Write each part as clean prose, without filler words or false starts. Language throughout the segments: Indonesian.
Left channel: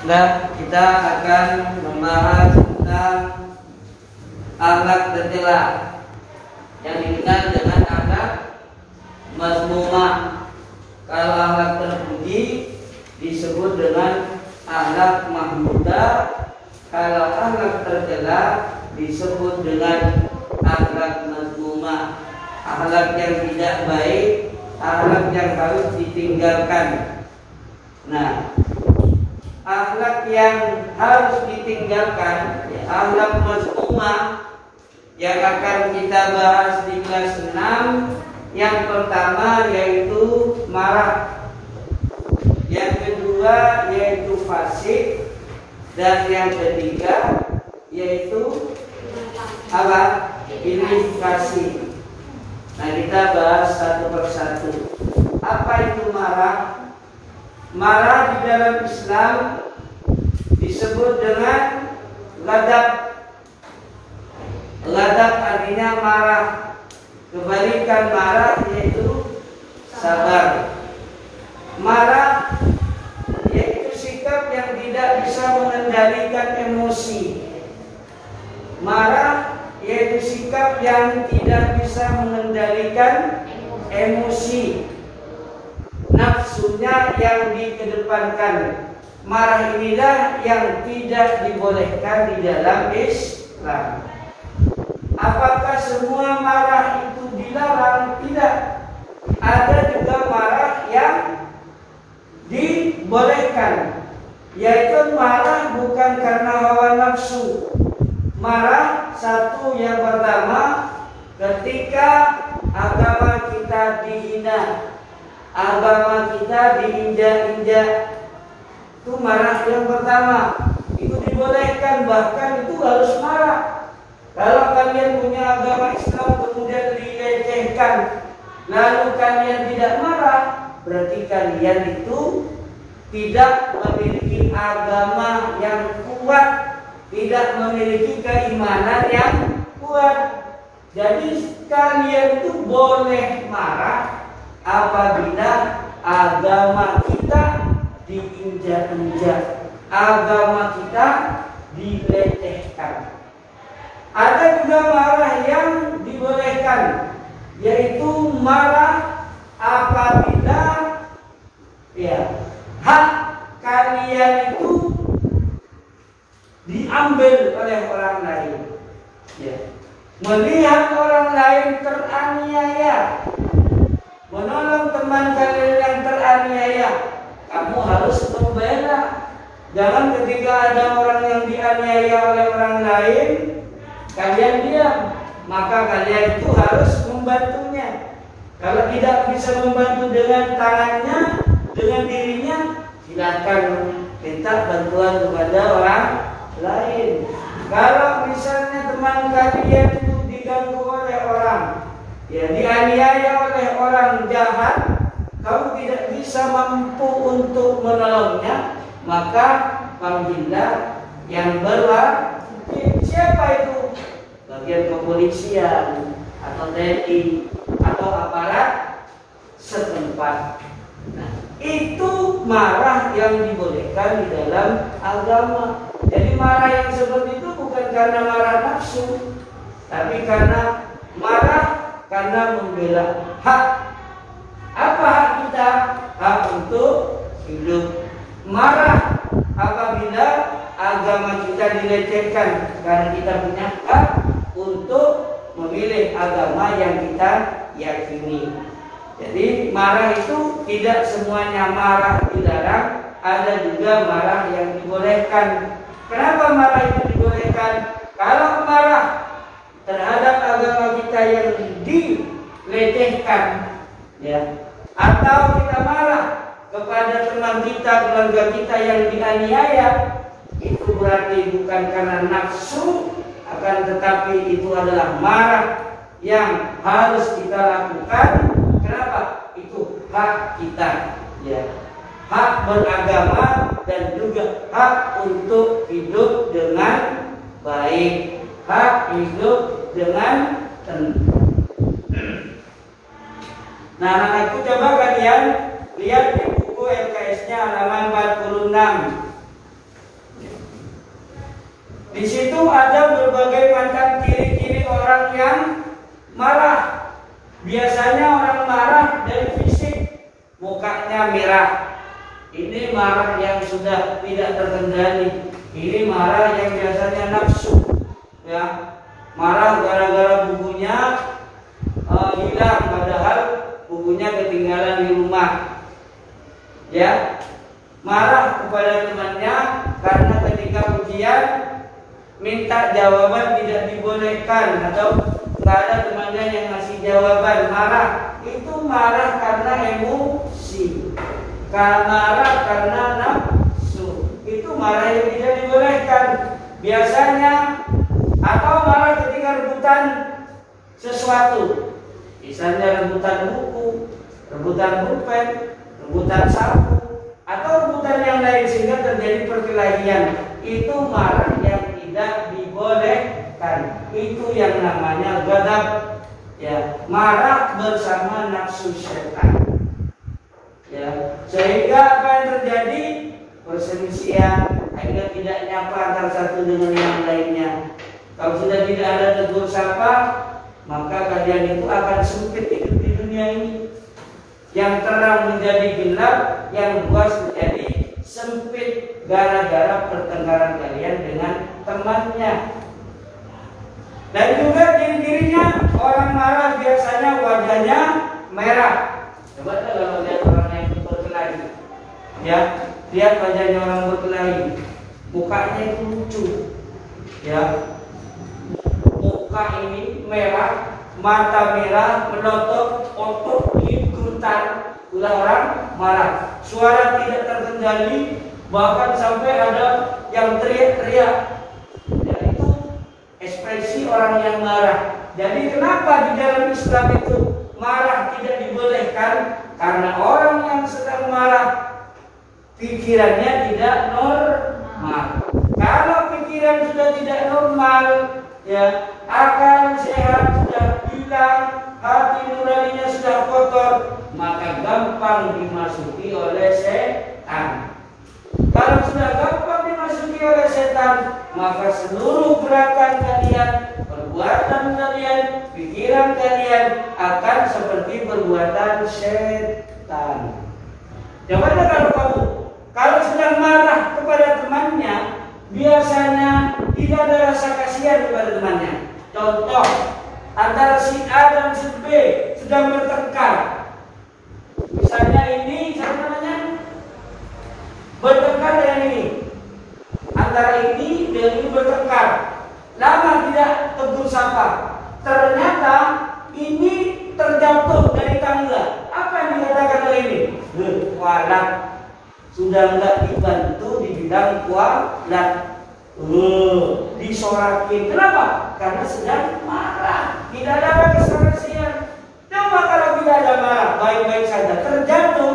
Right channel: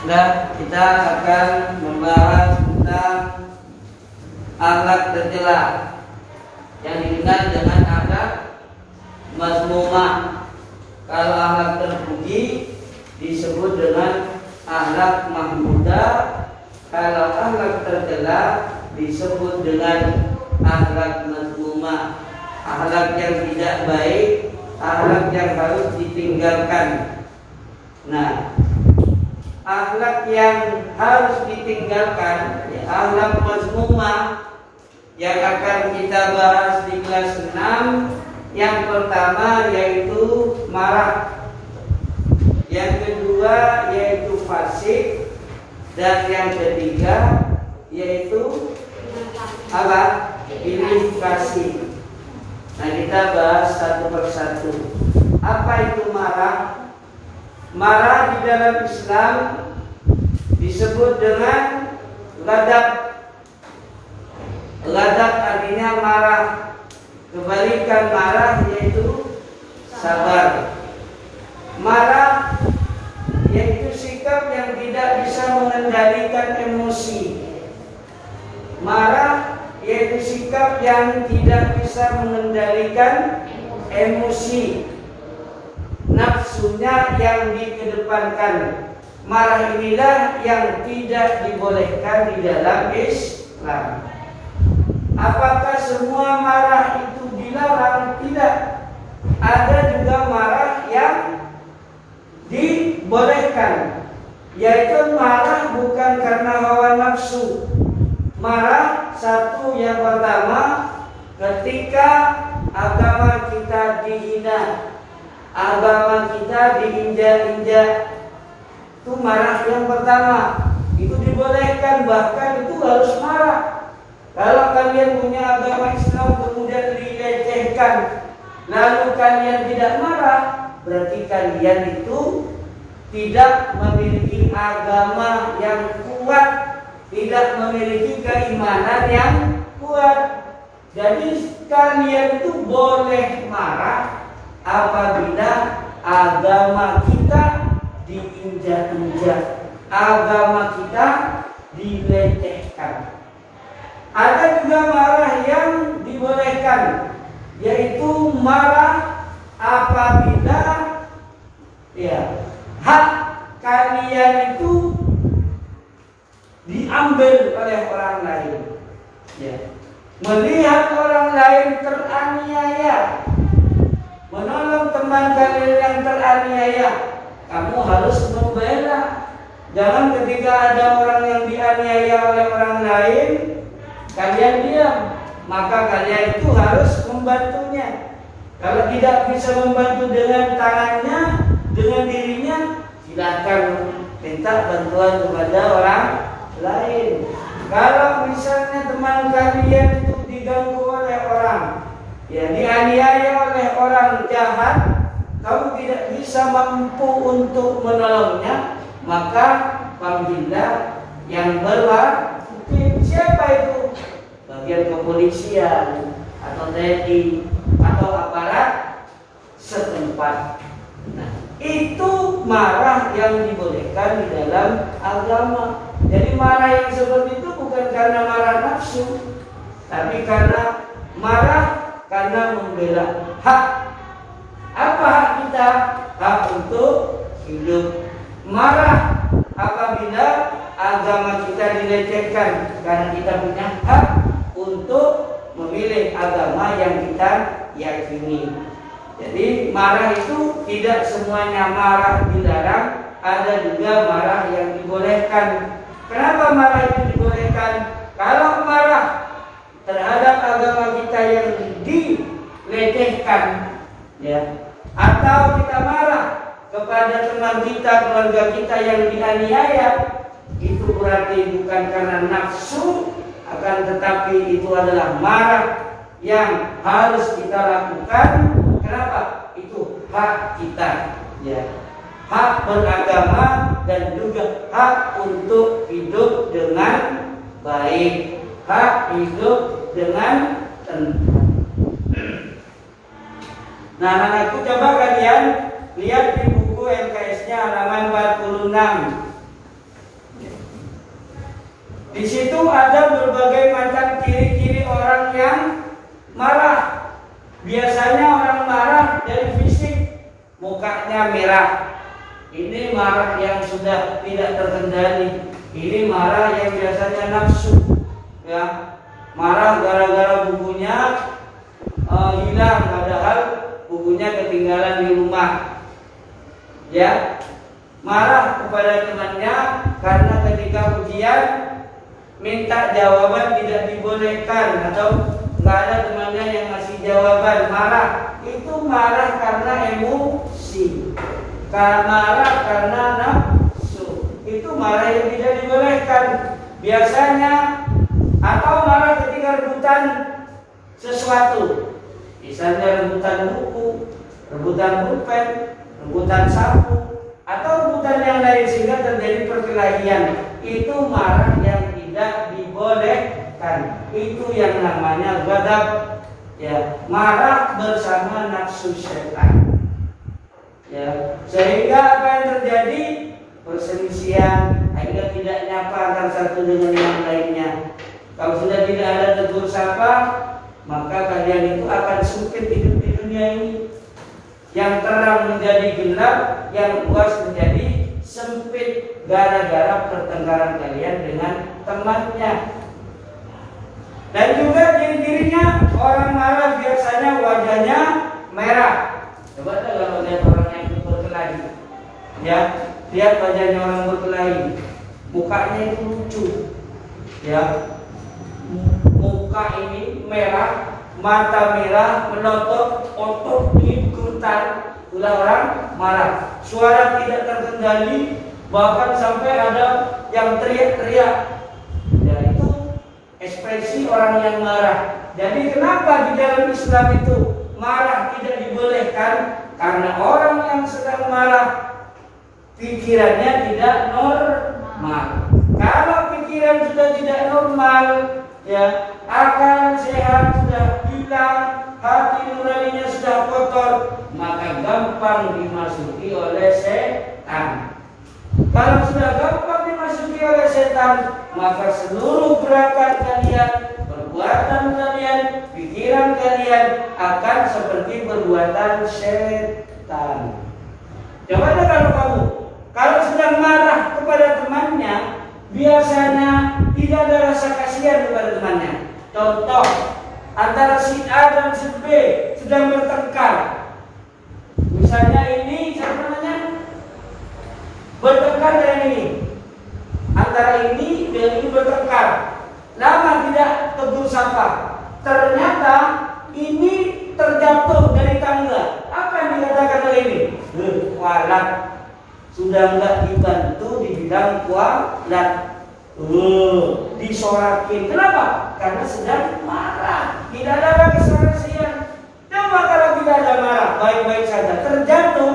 Nah, kita akan membahas tentang akhlak tercela yang dikenal dengan akhlak mazmumah. Kalau akhlak terpuji disebut dengan akhlak mahmudah. Kalau akhlak tercela disebut dengan akhlak mazmumah. Akhlak yang tidak baik, akhlak yang harus ditinggalkan. Nah, akhlak yang harus ditinggalkan, akhlak mazmumah yang akan kita bahas di kelas 6. Yang pertama yaitu marah, yang kedua yaitu fasik, dan yang ketiga yaitu apa? Ilustrasi. Nah, kita bahas satu persatu. Apa itu marah? Marah di dalam Islam disebut dengan ghadab. Ghadab artinya marah. Kebalikan marah yaitu sabar. Marah yaitu sikap yang tidak bisa mengendalikan emosi. Marah yaitu sikap yang tidak bisa mengendalikan emosi. Nafsunya yang dikedepankan. Marah inilah yang tidak dibolehkan di dalam Islam. Apakah semua marah itu dilarang? Tidak. Ada juga marah yang dibolehkan, yaitu marah bukan karena hawa nafsu. Marah satu yang pertama ketika agama kita dihina, agama kita diinjak-injak. Itu marah yang pertama. Itu dibolehkan, bahkan itu harus marah. Kalau kalian punya agama Islam kemudian dilecehkan, lalu kalian tidak marah, berarti kalian itu tidak memiliki agama yang kuat, tidak memiliki keimanan yang kuat. Jadi kalian itu boleh marah apabila agama kita diinjak-injak, agama kita dilecehkan. Ada juga marah yang dibolehkan, yaitu marah apabila hak kalian itu diambil oleh orang lain. Melihat orang lain teraniaya, menolong teman kalian yang teraniaya, kamu harus membela. Jangan ketika ada orang yang dianiaya oleh orang lain kalian diam, maka kalian itu harus membantunya. Kalau tidak bisa membantu dengan tangannya, dengan dirinya, silakan minta bantuan kepada orang lain. Kalau misalnya teman kalian itu diganggu oleh orang, dianiaya oleh orang jahat, kamu tidak bisa mampu untuk menolongnya, maka panggillah yang berwajib. Siapa itu? Bagian kepolisian atau TNI atau aparat setempat. Nah, itu marah yang dibolehkan di dalam agama. Jadi marah yang seperti itu bukan karena marah nafsu, tapi karena marah karena membela hak. Apa hak kita? Hak untuk hidup. Marah apabila agama kita dilecehkan, karena kita punya hak untuk memilih agama yang kita yakini. Jadi marah itu tidak semuanya marah dilarang, ada juga marah yang dibolehkan. Kenapa marah itu dibolehkan? Kalau marah terhadap agama kita yang dilecehkan, atau kita marah kepada teman kita, keluarga kita yang dianiaya, itu berarti bukan karena nafsu, akan tetapi itu adalah marah yang harus kita lakukan. Kenapa? Itu hak kita, hak beragama dan juga hak untuk hidup dengan baik, hak hidup dengan tenang. Nah, anak-anakku, coba kalian lihat di buku LKS-nya halaman 46. Di situ ada berbagai macam ciri-ciri orang yang marah. Biasanya orang marah dari fisik, mukanya merah. Ini marah yang sudah tidak terkendali. Ini marah yang biasanya nafsu, ya. Marah gara-gara bukunya hilang, padahal bukunya ketinggalan di rumah. Ya, marah kepada temannya karena ketika ujian minta jawaban tidak dibolehkan atau nggak ada temannya yang ngasih jawaban, marah. Itu marah karena emosi, karena marah karena nafsu. Itu marah yang tidak dibolehkan biasanya. Atau marah ketika rebutan sesuatu, misalnya rebutan buku, rebutan pulpen, rebutan sapu, atau rebutan yang lain sehingga terjadi perkelahian. Itu marah yang tidak dibolehkan. Itu yang namanya ghadab, ya, marah bersama nafsu syaitan. Ya, sehingga apa yang terjadi? Perselisihan, akhirnya tidak nyapa antara satu dengan yang lainnya. Kalau sudah tidak ada tegur sapa, maka kalian itu akan sempit hidup di dunia ini. Yang terang menjadi gelap, yang luas menjadi sempit gara-gara pertengkaran kalian dengan temannya. Dan juga ciri-cirinya orang marah biasanya wajahnya merah. Coba kalau lihat orang yang berkelahi, ya, lihat wajahnya orang berkelahi, mukanya itu lucu, ya. Muka ini merah, mata merah, melotot, otot digerutan. Itulah orang marah. Suara tidak terkendali, bahkan sampai ada yang teriak-teriak. Dan itu ekspresi orang yang marah. Jadi kenapa di dalam Islam itu marah tidak dibolehkan? Karena orang yang sedang marah pikirannya tidak normal. Kalau pikiran sudah tidak normal, ya, akal sehat sudah hilang, hati nuraninya sudah kotor, maka gampang dimasuki oleh setan. Kalau sudah gampang dimasuki oleh setan, maka seluruh gerakan kalian, perbuatan kalian, pikiran kalian akan seperti perbuatan setan. Coba deh kalau sedang marah kepada temannya, biasanya tidak ada rasa kasihan kepada temannya. Contoh, antara si A dan si B sedang bertengkar. Misalnya ini, siapa namanya? Bertengkar yang ini. Antara ini dan ini bertengkar. Lama tidak tegur sapa. Ternyata ini terjatuh dari tangga. Apa yang dikatakan oleh ini? Kualat. Sudah enggak dibantu dibilang kualat. Disorakin. Kenapa? Karena sedang marah. Tidak ada kesaksian. Coba kalau tidak ada marah, baik-baik saja, terjatuh,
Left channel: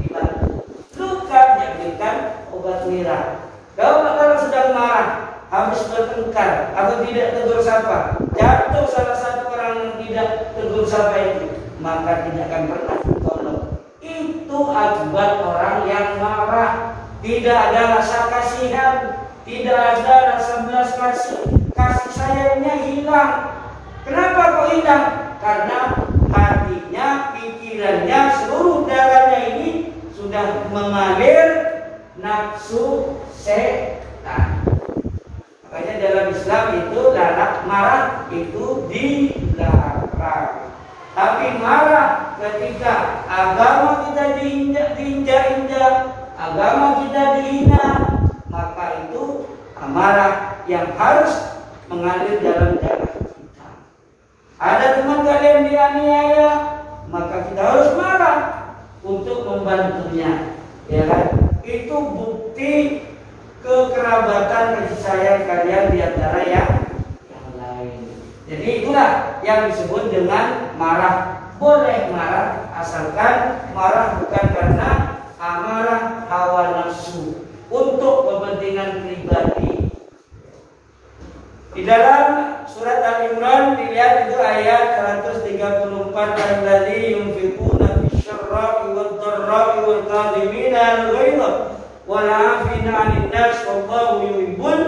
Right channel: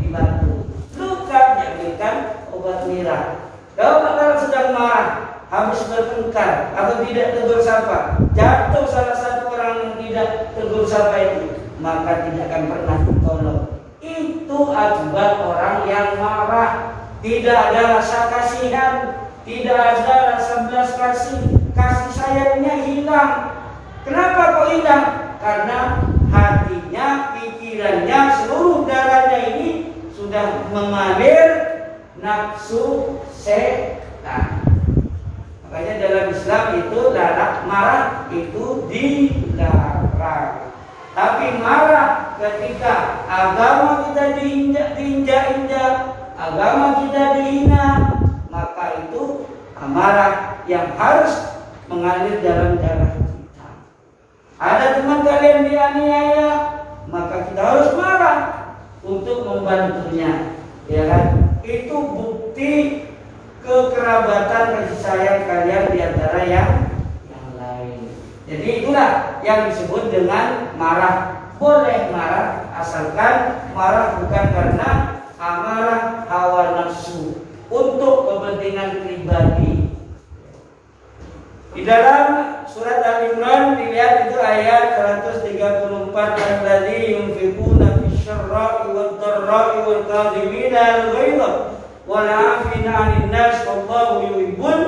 dibantu. Luka diberikan obat merah. Kalau sedang marah, habis bertengkar atau tidak tegur sapa, jatuh salah satu orang yang tidak tegur sapa itu, maka tidak akan pernah ditolong. Itu akibat orang yang marah. Tidak ada rasa kasihan, tidak ada rasa belas kasih sayangnya hilang. Kenapa kok hilang? Karena hatinya, pikirannya, seluruh darahnya ini sudah mengalir nafsu setan. Makanya dalam Islam itu marah itu dilarang. Tapi marah ketika agama kita diinjak-injak, agama kita dihina, maka itu amarah yang harus mengalir dalam darah kita. Ada teman kalian dianiaya, maka kita harus marah untuk membantunya, ya kan? Itu bukti kekerabatan kasih sayang kalian di antara yang lain. Jadi itulah yang disebut dengan marah. Boleh marah asalkan marah bukan karena amarah hawa nafsu untuk kepentingan pribadi. Di dalam surat Al-Imran dilihat itu ayat 134, alladzina yunfiquna fis-syarra'i wad-dharra'i wal-kadhibina al-ghaidha wal 'afina 'anil nas wallahu yuhibbul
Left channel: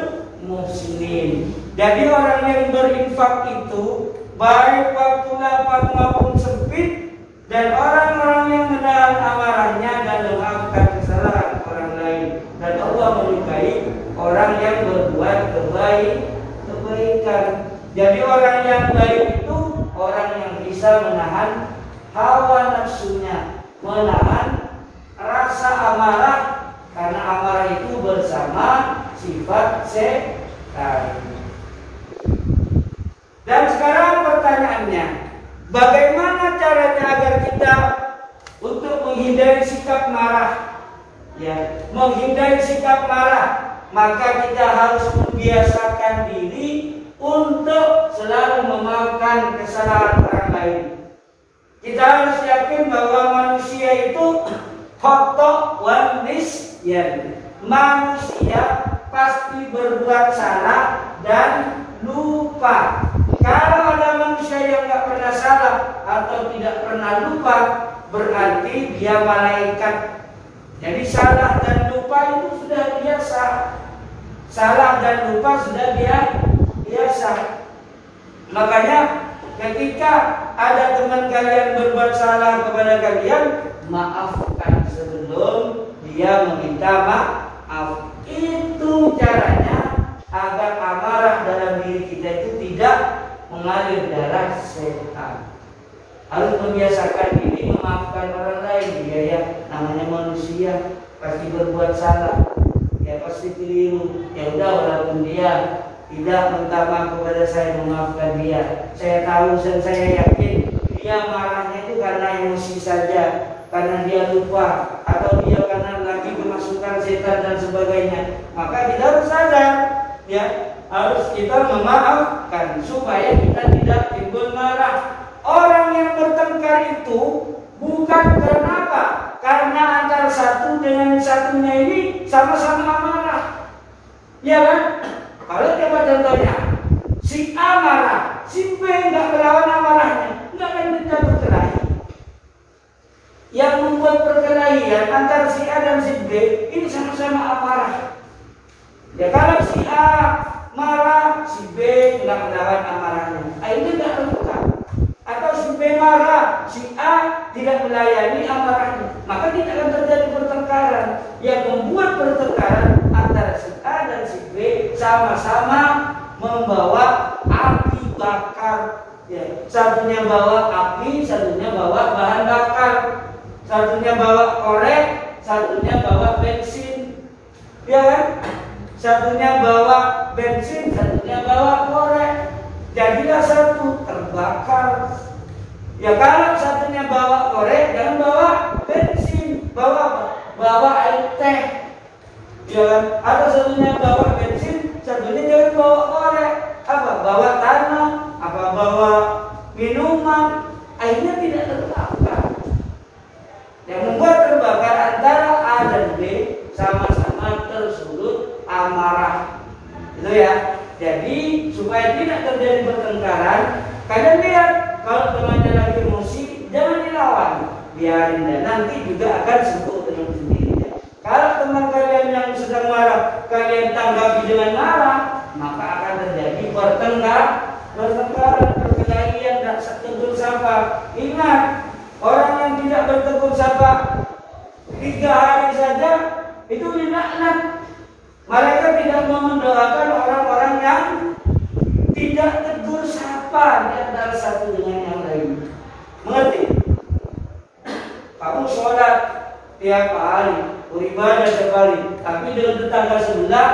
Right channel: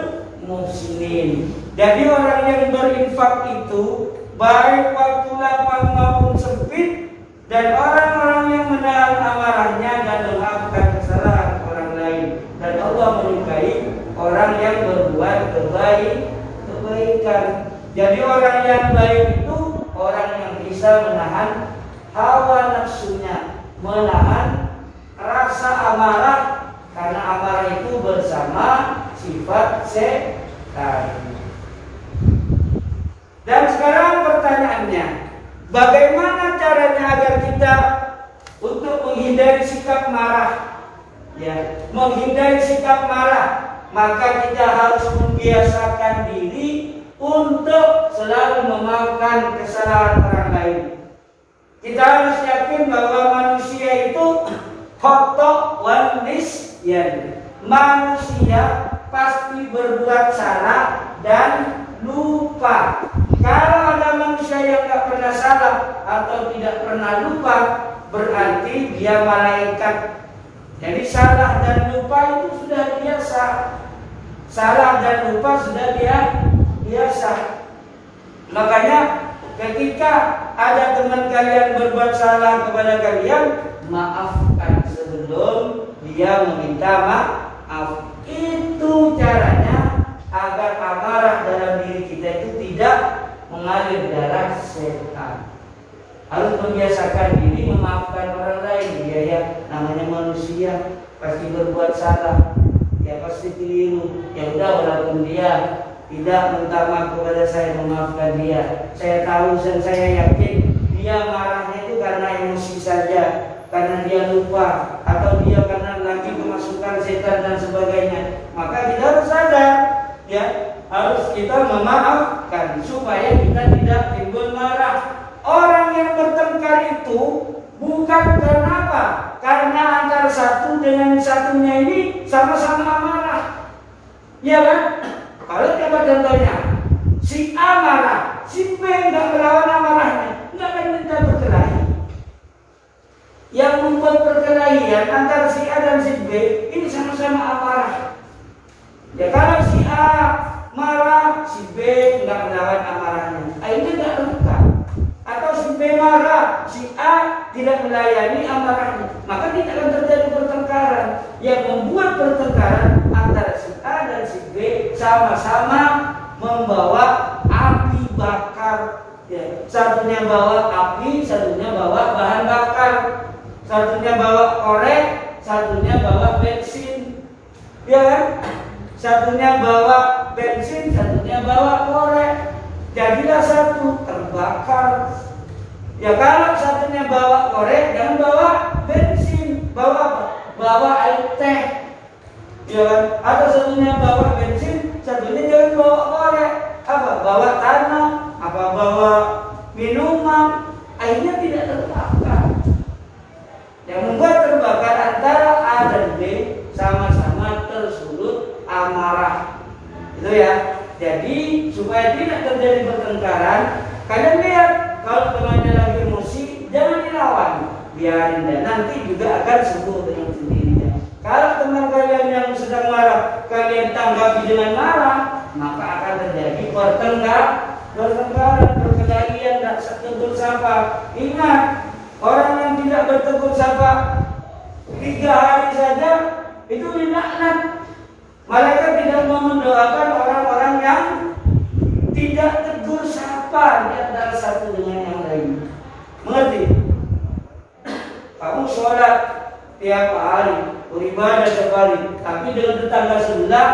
muhsinin. Jadi orang yang berinfak itu baik waktu lapang maupun sempit, dan orang-orang yang menahan amarahnya dan memaafkan kesalahan orang lain. Dan Allah menyukai orang yang berbuat kebaikan. Jadi orang yang baik itu orang yang bisa menahan hawa nafsunya, menahan rasa amarah, karena amarah itu bersama sifat setan. Dan sekarang pertanyaannya, bagaimana caranya agar kita untuk menghindari sikap marah? Ya, menghindari sikap marah, maka kita harus membiasakan diri untuk selalu memaafkan kesalahan orang lain. Kita harus yakin bahwa manusia itu khata' wa nisyan. Manusia pasti berbuat salah dan lupa. Kalau ada manusia yang tidak pernah salah atau tidak pernah lupa, berarti dia malaikat. Jadi salah dan lupa itu sudah biasa. Salah dan lupa sudah biasa. Makanya ketika ada teman kalian berbuat salah kepada kalian, maafkan sebelum dia meminta maaf. Itu caranya agar amarah dalam diri kita itu tidak mengalir darah setan. Harus membiasakan diri memaafkan orang lain. Dia ya namanya manusia, pasti berbuat salah, ya pasti keliru. Ya udah, walaupun dia tidak minta maaf kepada saya, memaafkan dia. Saya tahu dan saya yakin dia marahnya itu karena emosi saja, karena dia lupa, atau dia karena lagi kemasukan setan dan sebagainya. Maka kita harus sadar, ya harus kita memaafkan supaya kita tidak timbul marah. Orang yang bertengkar itu bukan karena apa? Karena antara satu dengan satunya ini sama-sama marah. Ya kan? Kalau coba contohnya, si A marah, si B tidak melawan amarahnya, tidak akan kita berkelahi. Yang membuat perkelahian antara si A dan si B ini sama-sama amarah. Ya kalau si A marah, si B tidak melawan amarahnya, akhirnya tidak bertengkar. Atau si B marah, si A tidak melayani amarahnya, maka tidak akan terjadi pertengkaran. Yang membuat pertengkaran antara si A dan si B sama-sama membawa api bakar. Ya, satunya bawa api, satunya bawa bahan bakar, satunya bawa korek, satunya bawa bensin. Ya kan? Satunya bawa bensin, satunya bawa korek. Jadilah satu terbakar. Ya kalau satunya bawa korek, jangan bawa bensin, bawa air teh. Ya, ada satunya bawa bensin, satunya jangan bawa korek. Apa? Bawa tanah, apa bawa minuman, akhirnya tidak terbakar. Yang membuat terbakar antara A dan B sama-sama tersulut amarah. Itu ya. Jadi supaya tidak terjadi pertengkaran, kalian lihat kalau temannya lagi emosi, jangan dilawan, biarin, dan nanti juga akan sembuh dengan sendirinya. Kalau teman kalian yang sedang marah, kalian tanggapi dengan marah, maka akan terjadi pertengkaran, perkelahian, dan tegur sapa. Ingat, orang yang tidak bertegur sapa 3 hari saja itu dilaknat. Malaikat tidak mau mendoakan orang-orang yang tidak tegur sapa di antara satu dengan yang lain. Mengerti? Kamu sholat tiap hari, beribadah tiap hari, tapi dengan tetangga sebelah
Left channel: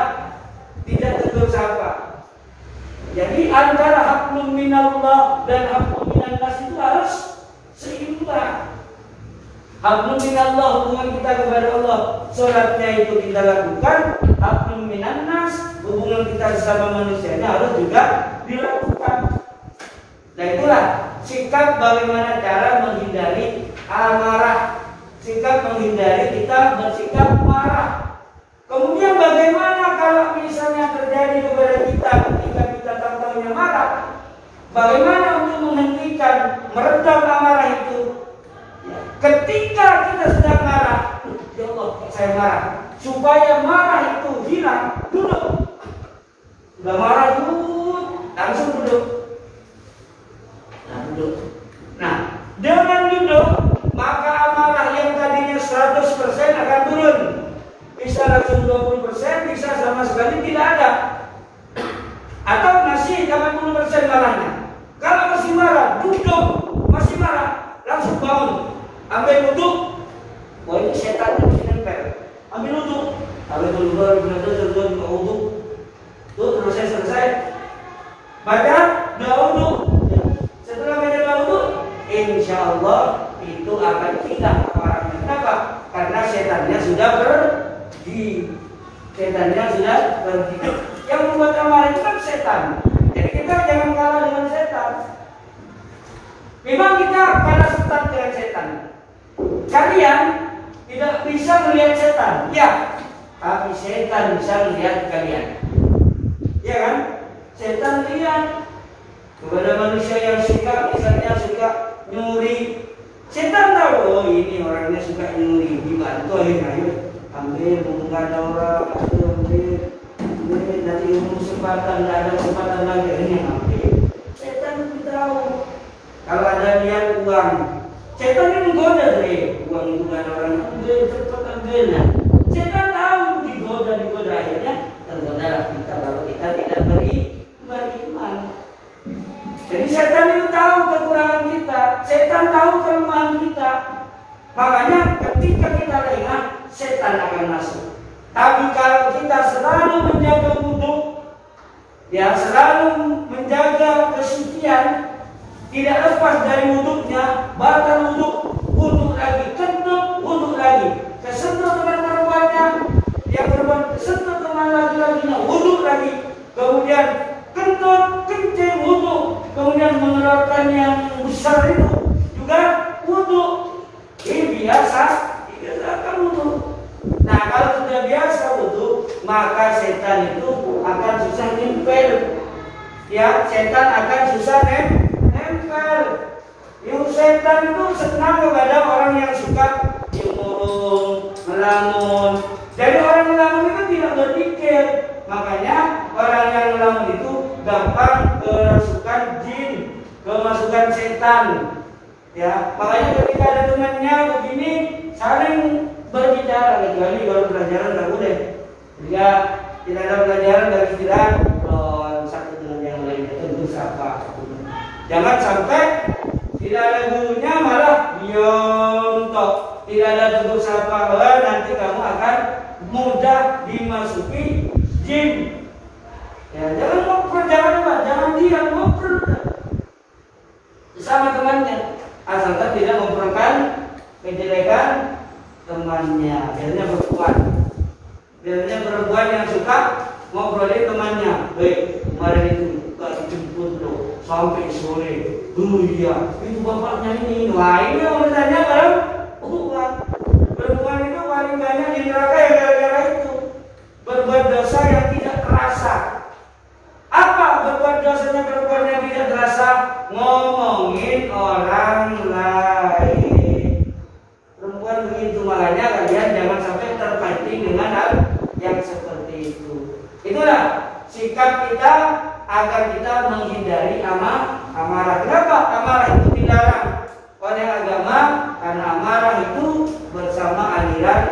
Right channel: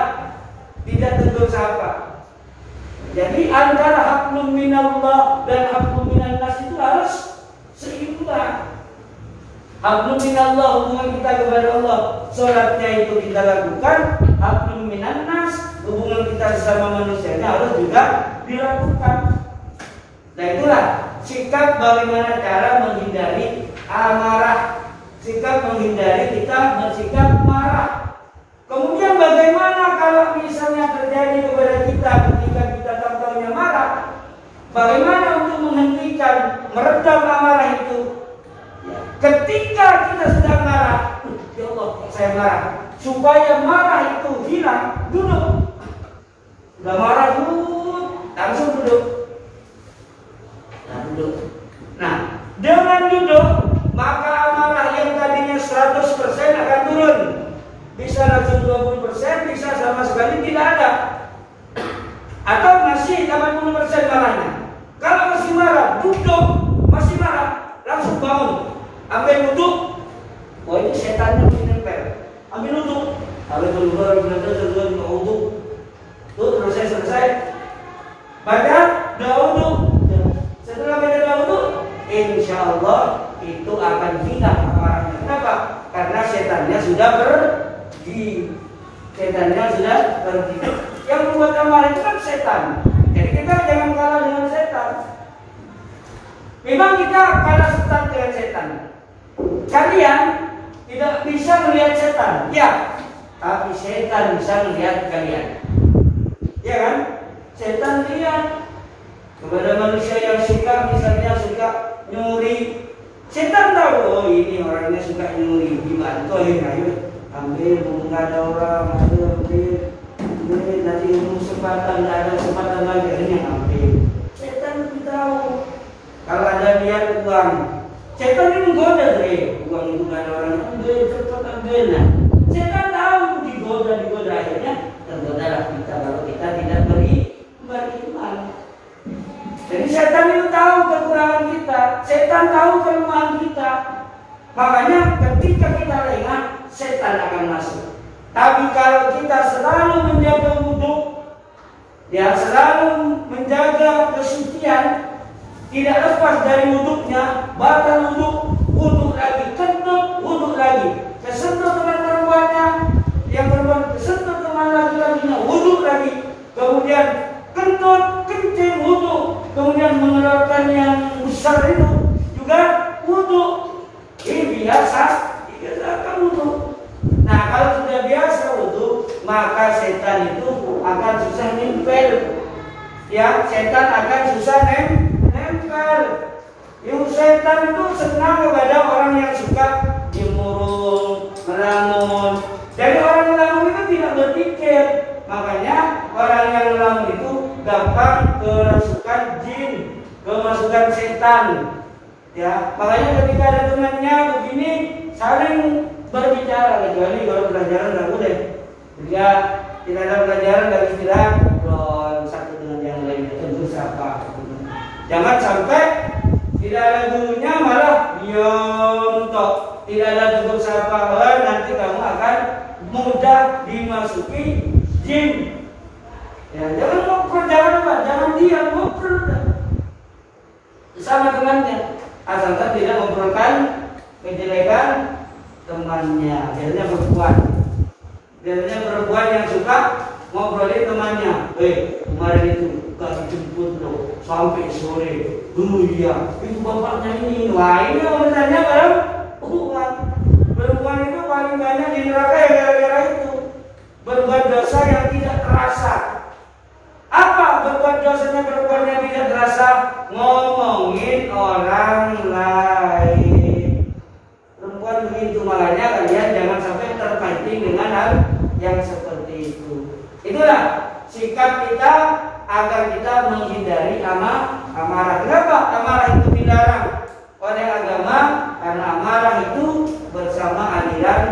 tidak tegur sapa. Jadi antara haqqun minallah dan haqqun minan nas itu harus seimbang. Haqqun minallah, hubungan kita kepada Allah, sholatnya itu kita lakukan. Haqqun minan nas, hubungan kita bersama manusianya harus juga dilakukan. Nah itulah sikap bagaimana cara menghindari amarah. Sikap menghindari kita bersikap marah. Kemudian bagaimana kalau misalnya terjadi kepada kita ketika kita tampaknya marah? Bagaimana untuk menghentikan, meredam amarah itu? Ketika kita sedang marah, ya Allah, saya marah. supaya marah itu hilang, duduk. Nggak marah dulu, langsung duduk. Duduk. Nah, dengan duduk, maka amarah yang tadinya 100% akan turun. Bisa langsung 20%, bisa sama sekali tidak ada. Atau masih 80% marahnya. Kalau masih marah, duduk, masih marah, langsung bangun. Ambil duduk. Oh, ini setan yang nempel. Ambil duduk. Ambil duduk. Tuh, selesai. Baca, duduk. Setelah baca duduk, insya Allah itu akan hilang amarahnya. Kenapa? Karena setannya sudah pergi. Setannya sudah pergi. Yang membuat amarah itu kan setan. Jadi kita jangan kalah dengan setan. Memang kita kalah start dengan setan. Kalian tidak bisa melihat setan, ya, tapi setan bisa melihat kalian. Ya kan? Setan lihat kepada manusia yang suka, misalnya suka nyuri. Setan tahu, oh ini orangnya suka nyuri, dibantu akhirnya, ambil bunga orang, ambil nanti kesempatan, ada kesempatan lagi, ini ambil. Setan tahu. Kalau ada niat uang, setan ini menggoda uang itu kan orang ambil, cepat ambil. Setan tahu digoda akhirnya tergodalah kita kalau kita tidak beriman. Jadi setan itu tahu kekurangan kita, setan tahu kelemahan kita. Makanya ketika kita lengah, setan akan masuk. Tapi kalau kita selalu menjaga wudu, ya selalu menjaga kesucian, tidak lepas dari wuduknya, batal wuduk lagi, kentut wuduk lagi, kesentuh dengan perempuannya, yang perempuan kesentuh dengan laki-lakinya, wuduk lagi, kemudian kentut, kencing wuduk, kemudian mengeluarkan yang besar itu juga wuduk. Ini biasa wuduk. Nah, kalau sudah biasa wuduk, maka setan itu akan susah nempel. Ya, setan akan susah nempel. Yang setan itu senang kepada orang yang suka murung, melamun. Jadi orang melamun itu tidak berpikir. Makanya orang yang melamun itu gampang kerasukan jin, kemasukan setan. Ya, makanya ketika ada temannya begini saling berbicara, kecuali kalau pelajaran nggak boleh. Jika tidak ada pelajaran dari istirahat, satu dengan yang lainnya tentu siapa. Jangan sampai tidak ada gurunya malah diam tok. Tidak ada tegur sapa, nanti kamu akan mudah dimasuki jin. Ya, jangan ngobrol, jangan diam, ngobrol sama temannya. Asalkan tidak ngobrolkan kejelekan temannya. Biasanya perempuan yang suka ngobrolin temannya. Kemarin itu gak dijemput loh sampai sore. Iya, itu bapaknya ini. Wah, ini yang bertanya kalau bukan. Perempuan itu paling banyak di neraka ya gara-gara itu. Berbuat dosa yang tidak terasa. Apa berbuat dosanya perempuan yang tidak terasa? Ngomongin orang lain. Perempuan begitu, makanya kalian jangan sampai terpancing dengan hal yang seperti itu. Itulah sikap kita agar kita menghindari amarah. Kenapa amarah itu dilarang oleh agama? Karena amarah itu bersama aliran